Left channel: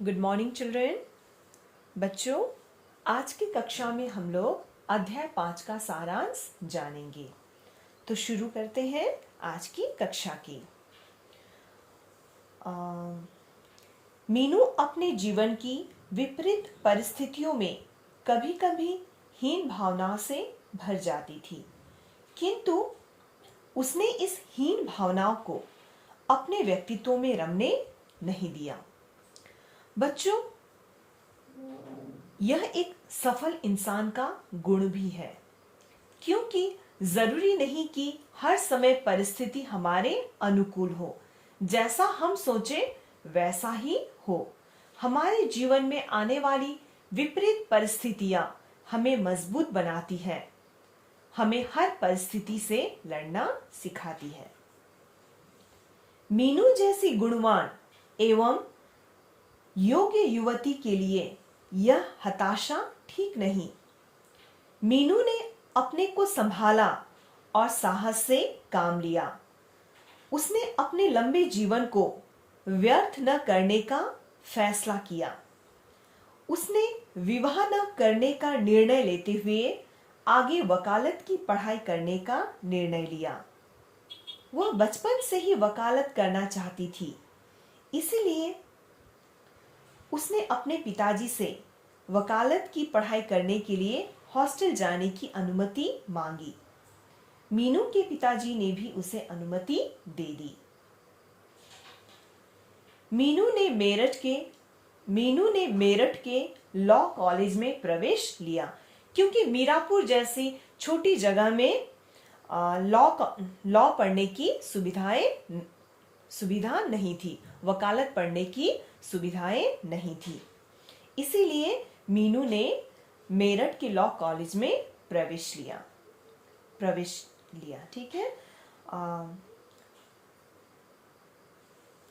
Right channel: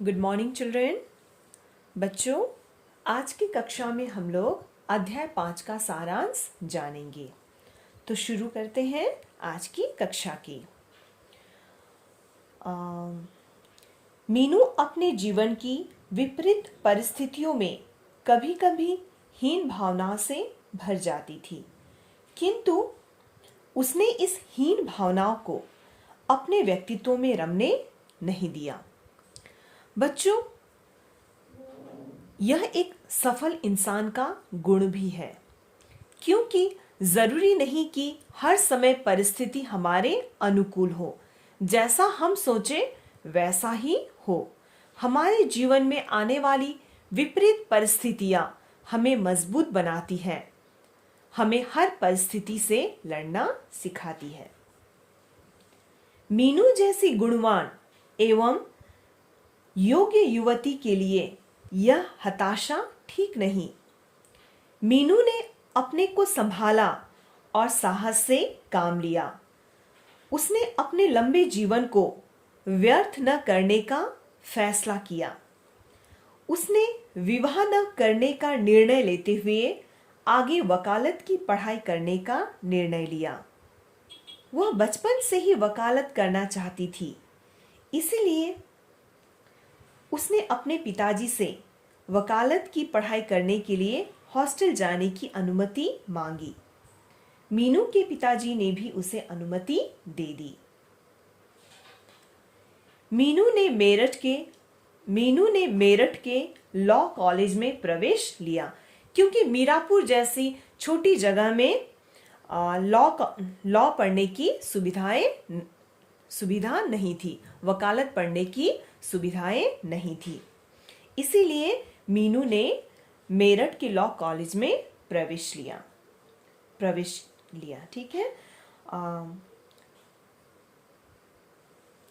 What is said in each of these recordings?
Good morning children. बच्चों, आज की कक्षा में हम लोग अध्याय 5 का सारांश जानेंगे। तो शुरू करते हैं आज की कक्षा की। मीनू अपने जीवन की विपरीत परिस्थितियों में कभी-कभी हीन भावना से भर जाती थी, किंतु उसने इस हीन भावनाओं को अपने व्यक्तित्व में रमने नहीं दिया। बच्चों, यह एक सफल इंसान का गुण भी है, क्योंकि जरूरी नहीं कि हर समय परिस्थिति हमारे अनुकूल हो। जैसा हम सोचे वैसा ही हो। हमारे जीवन में आने वाली विपरीत परिस्थितियां हमें मजबूत बनाती है, हमें हर परिस्थिति से लड़ना सिखाती है। मीनू जैसी गुणवान एवं योग्य युवती के लिए यह हताशा ठीक नहीं। मीनू ने अपने को संभाला और साहस से काम लिया। उसने अपने लंबे जीवन को व्यर्थ न करने का फैसला किया। उसने विवाह न करने का निर्णय लेते हुए आगे वकालत की पढ़ाई करने का निर्णय लिया। वह बचपन से ही वकालत करना चाहती थी, इसलिए उसने अपने पिताजी से वकालत की पढ़ाई करने के लिए हॉस्टल जाने की अनुमति मांगी। मीनू के पिताजी ने भी उसे अनुमति दे दी। मीनू ने मेरठ के लॉ कॉलेज में प्रवेश लिया, क्योंकि मीरापुर जैसी छोटी जगह में लॉ पढ़ने की सुविधा नहीं थी, वकालत पढ़ने की सुविधाएं नहीं थी। इसीलिए मीनू ने मेरठ के लॉ कॉलेज में प्रवेश लिया। ठीक है।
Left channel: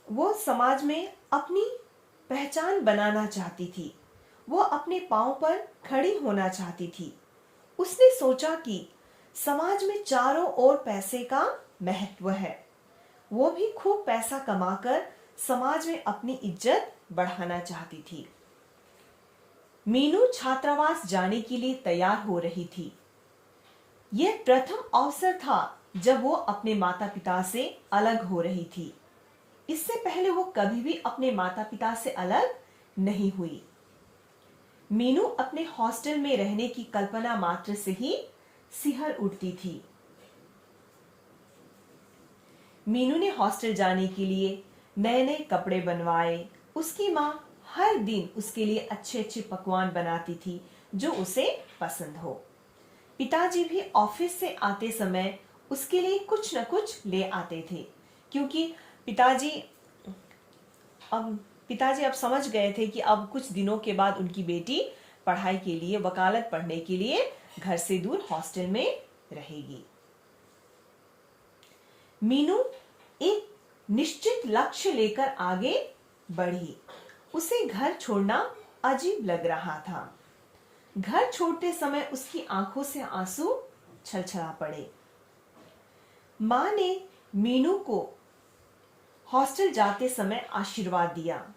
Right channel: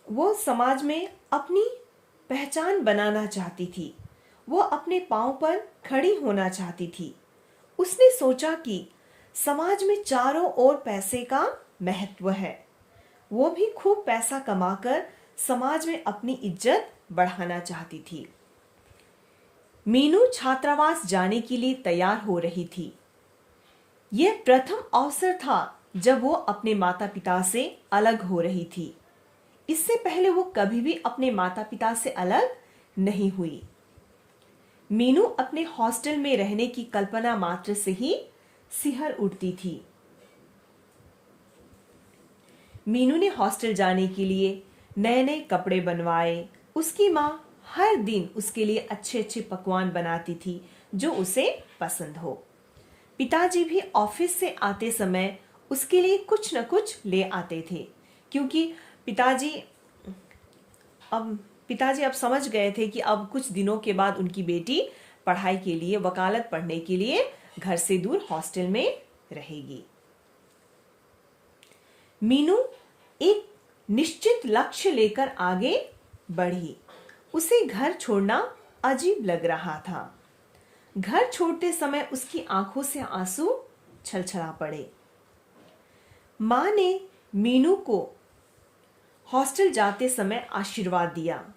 वो समाज में अपनी पहचान बनाना चाहती थी। वो अपने पांव पर खड़ी होना चाहती थी। उसने सोचा कि समाज में चारों ओर पैसे का महत्व है। वो भी खूब पैसा कमाकर समाज में अपनी इज्जत बढ़ाना चाहती थी। मीनू छात्रावास जाने के लिए तैयार हो रही थी। यह प्रथम अवसर था जब वो अपने माता पिता से अलग हो रही थी। इससे पहले वो कभी भी अपने माता पिता से अलग नहीं हुई। मीनू अपने हॉस्टल में रहने की कल्पना मात्र से ही सिहर उठती थी। मीनू ने हॉस्टल जाने के लिए नए नए कपड़े बनवाए। उसकी माँ हर दिन उसके लिए अच्छे अच्छे पकवान बनाती थी जो उसे पसंद हो। पिताजी भी ऑफिस से आते समय उसके लिए कुछ न कुछ ले आते थे, क्योंकि पिताजी अब समझ गए थे कि अब कुछ दिनों के बाद उनकी बेटी पढ़ाई के लिए, वकालत पढ़ने के लिए घर से दूर हॉस्टल में रहेगी। मीनू एक निश्चित लक्ष्य लेकर आगे बढ़ी। उसे घर छोड़ना अजीब लग रहा था। घर छोड़ते समय उसकी आंखों से आंसू छलछला पड़े। मां ने मीनू को हॉस्टल जाते समय आशीर्वाद दिया।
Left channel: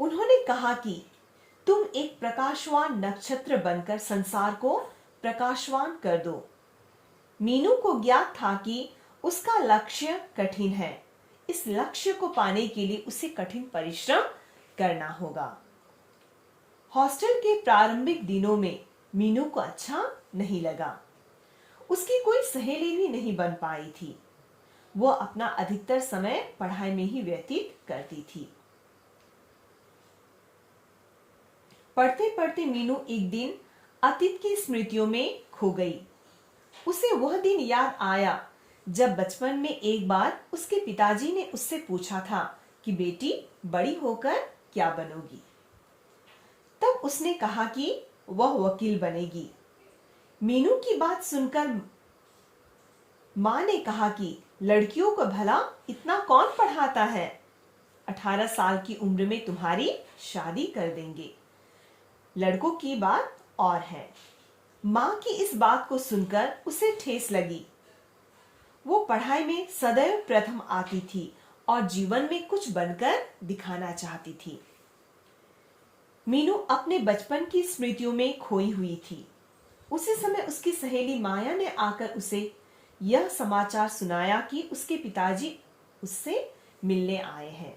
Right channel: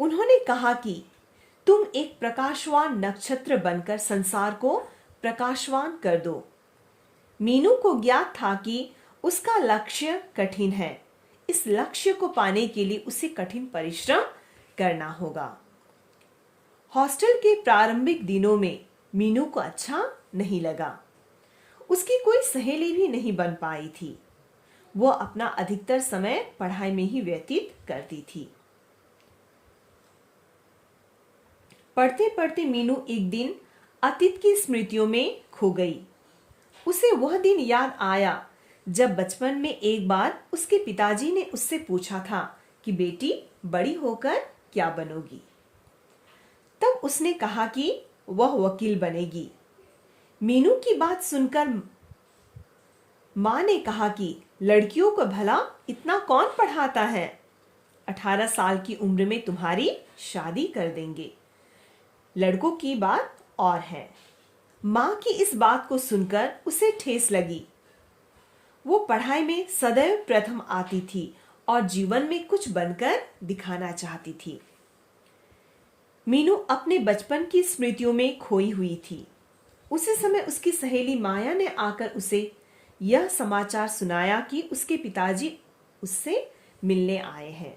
उन्होंने कहा कि तुम एक प्रकाशवान नक्षत्र बनकर संसार को प्रकाशवान कर दो। मीनू को ज्ञात था कि उसका लक्ष्य कठिन है। इस लक्ष्य को पाने के लिए उसे कठिन परिश्रम करना होगा। हॉस्टल के प्रारंभिक दिनों में मीनू को अच्छा नहीं लगा। उसकी कोई सहेली भी नहीं बन पाई थी। वो अपना अधिकतर समय पढ़ाई में ही व्यतीत करती थी। पढ़ते पढ़ते मीनू एक दिन अतीत की स्मृतियों में खो गई। उसे वह दिन याद आया जब बचपन में एक बार उसके पिताजी ने उससे पूछा था कि बेटी, बड़ी होकर क्या बनोगी। तब उसने कहा कि वह वकील बनेगी। मीनू की बात सुनकर मां ने कहा कि लड़कियों को भला इतना कौन पढ़ाता है, 18 साल की उम्र में तुम्हारी शादी कर देंगे। लड़कों की बात और है। मां की इस बात को सुनकर उसे ठेस लगी। वो पढ़ाई में सदैव प्रथम आती थी और जीवन में कुछ बनकर दिखाना चाहती थी। मीनू अपने बचपन की स्मृतियों में खोई हुई थी। उसी समय उसकी सहेली माया ने आकर उसे यह समाचार सुनाया कि उसके पिताजी उससे मिलने आए हैं।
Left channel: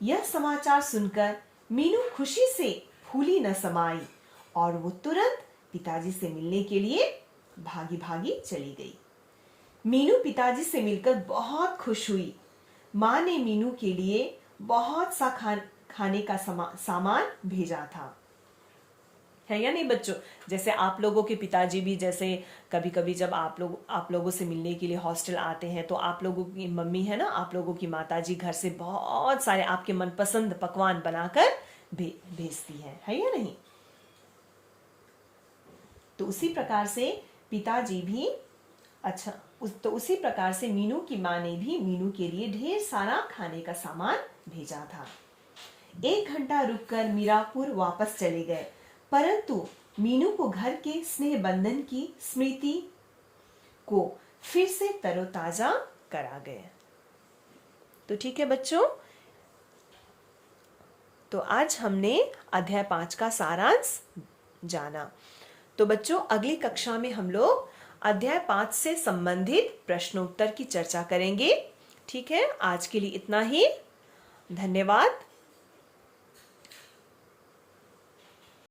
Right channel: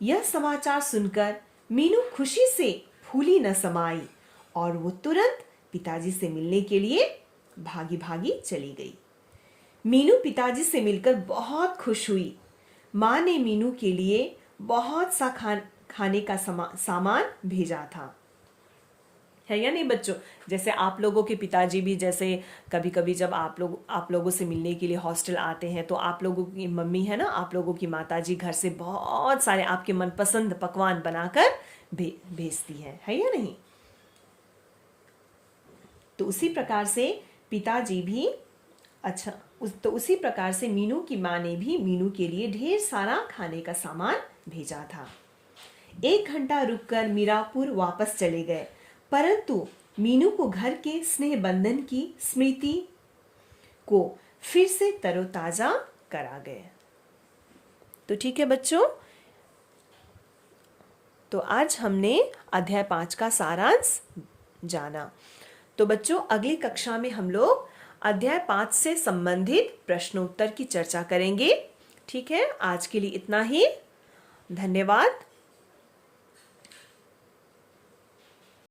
यह समाचार सुनकर मीनू खुशी से फूली न समाई और वो तुरंत पिताजी से मिलने के लिए भागी भागी चली गई। मीनू पिताजी से मिलकर बहुत खुश हुई। माँ ने मीनू के लिए बहुत सा खाने का सामान भेजा था, है या नहीं बच्चों। जैसे आप लोगों के पिताजी भी, जैसे कभी कभी जब आप लोगों से मिलने के लिए हॉस्टल आते हैं तो आप लोगों की मम्मी है ना, आप लोगों की माताजी घर से बहुत सारे आपके मनपसंद पकवान बनाकर भेजती है या नहीं। तो उसी प्रकार से पिताजी भी तो उसी प्रकार से मीनू की माँ ने भी मीनू के लिए ढेर सारा खाने का सामान भेजा था। 1 घंटा रुककर मीरापुर वापस चले गए, परंतु मीनू को घर के स्नेह बंधन की स्मृति को फिर से तरोताजा करा गए। तो ठीक है बच्चों, तो आज हमने अध्याय 5 का सारांश जाना। तो बच्चों, अगली कक्षा में हम लोग अध्याय 5 से संबंधित प्रश्नोत्तर की चर्चा करेंगे। ठीक है, आज के लिए इतना ही। धन्यवाद।